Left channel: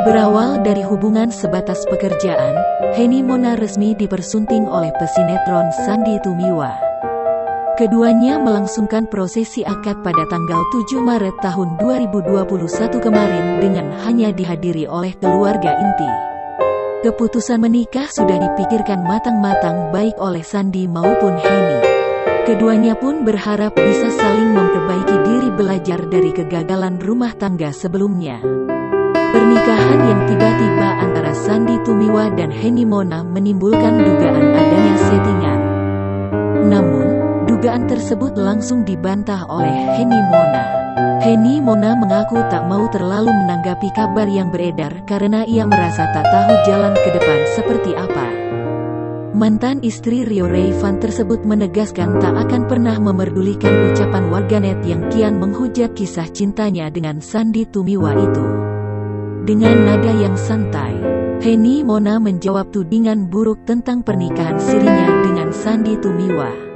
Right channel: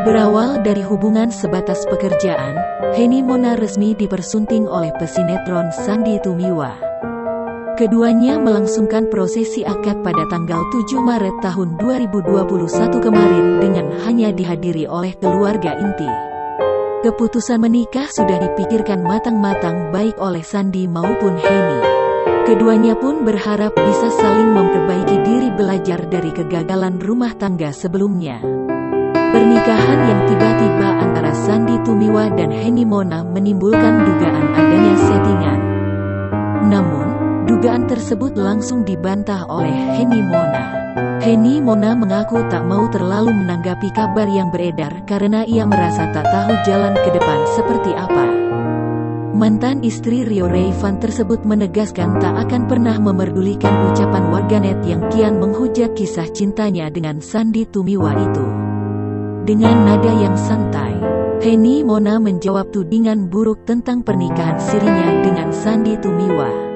Berawal dari hubungan sebatas pekerjaan, Henny Mona resmi dipersunting oleh pesinetron Sandy Tumiwa. Keduanya melangsungkan prosesi akad pada tanggal 7 Maret tahun 2021 kemarin dengan hanya dihadiri oleh keluarga inti. Keputusan menikah sudah dipikirkan matang-matang baik oleh Sandy maupun Henny. Keduanya pun berharap bisa saling memperbaiki diri belajar dari kegagalan rumah tangga sebelumnya. Pernikahan yang tiba-tiba antara Sandy Tumiwa dan Henny Mona menimbulkan dugaan adanya settingan. Namun, dugaan tersebut langsung dibantah oleh Henny Mona. Henny Mona mengaku tak mau terlalu menanggapi kabar yang beredar karena ia merasa tak tahu jalan ke depan seperti apa. Mantan istri Rio Rayvan tersebut menegaskan tak akan pernah memerdulikan ucapan warganet yang kian menghujat kisah cintanya dengan Sandy Tumiwa itu. Dengan nada yang santai, Henny Mona menjawab tudingan buruk tentang pernikahan sirinya dengan Sandy Tumiwa.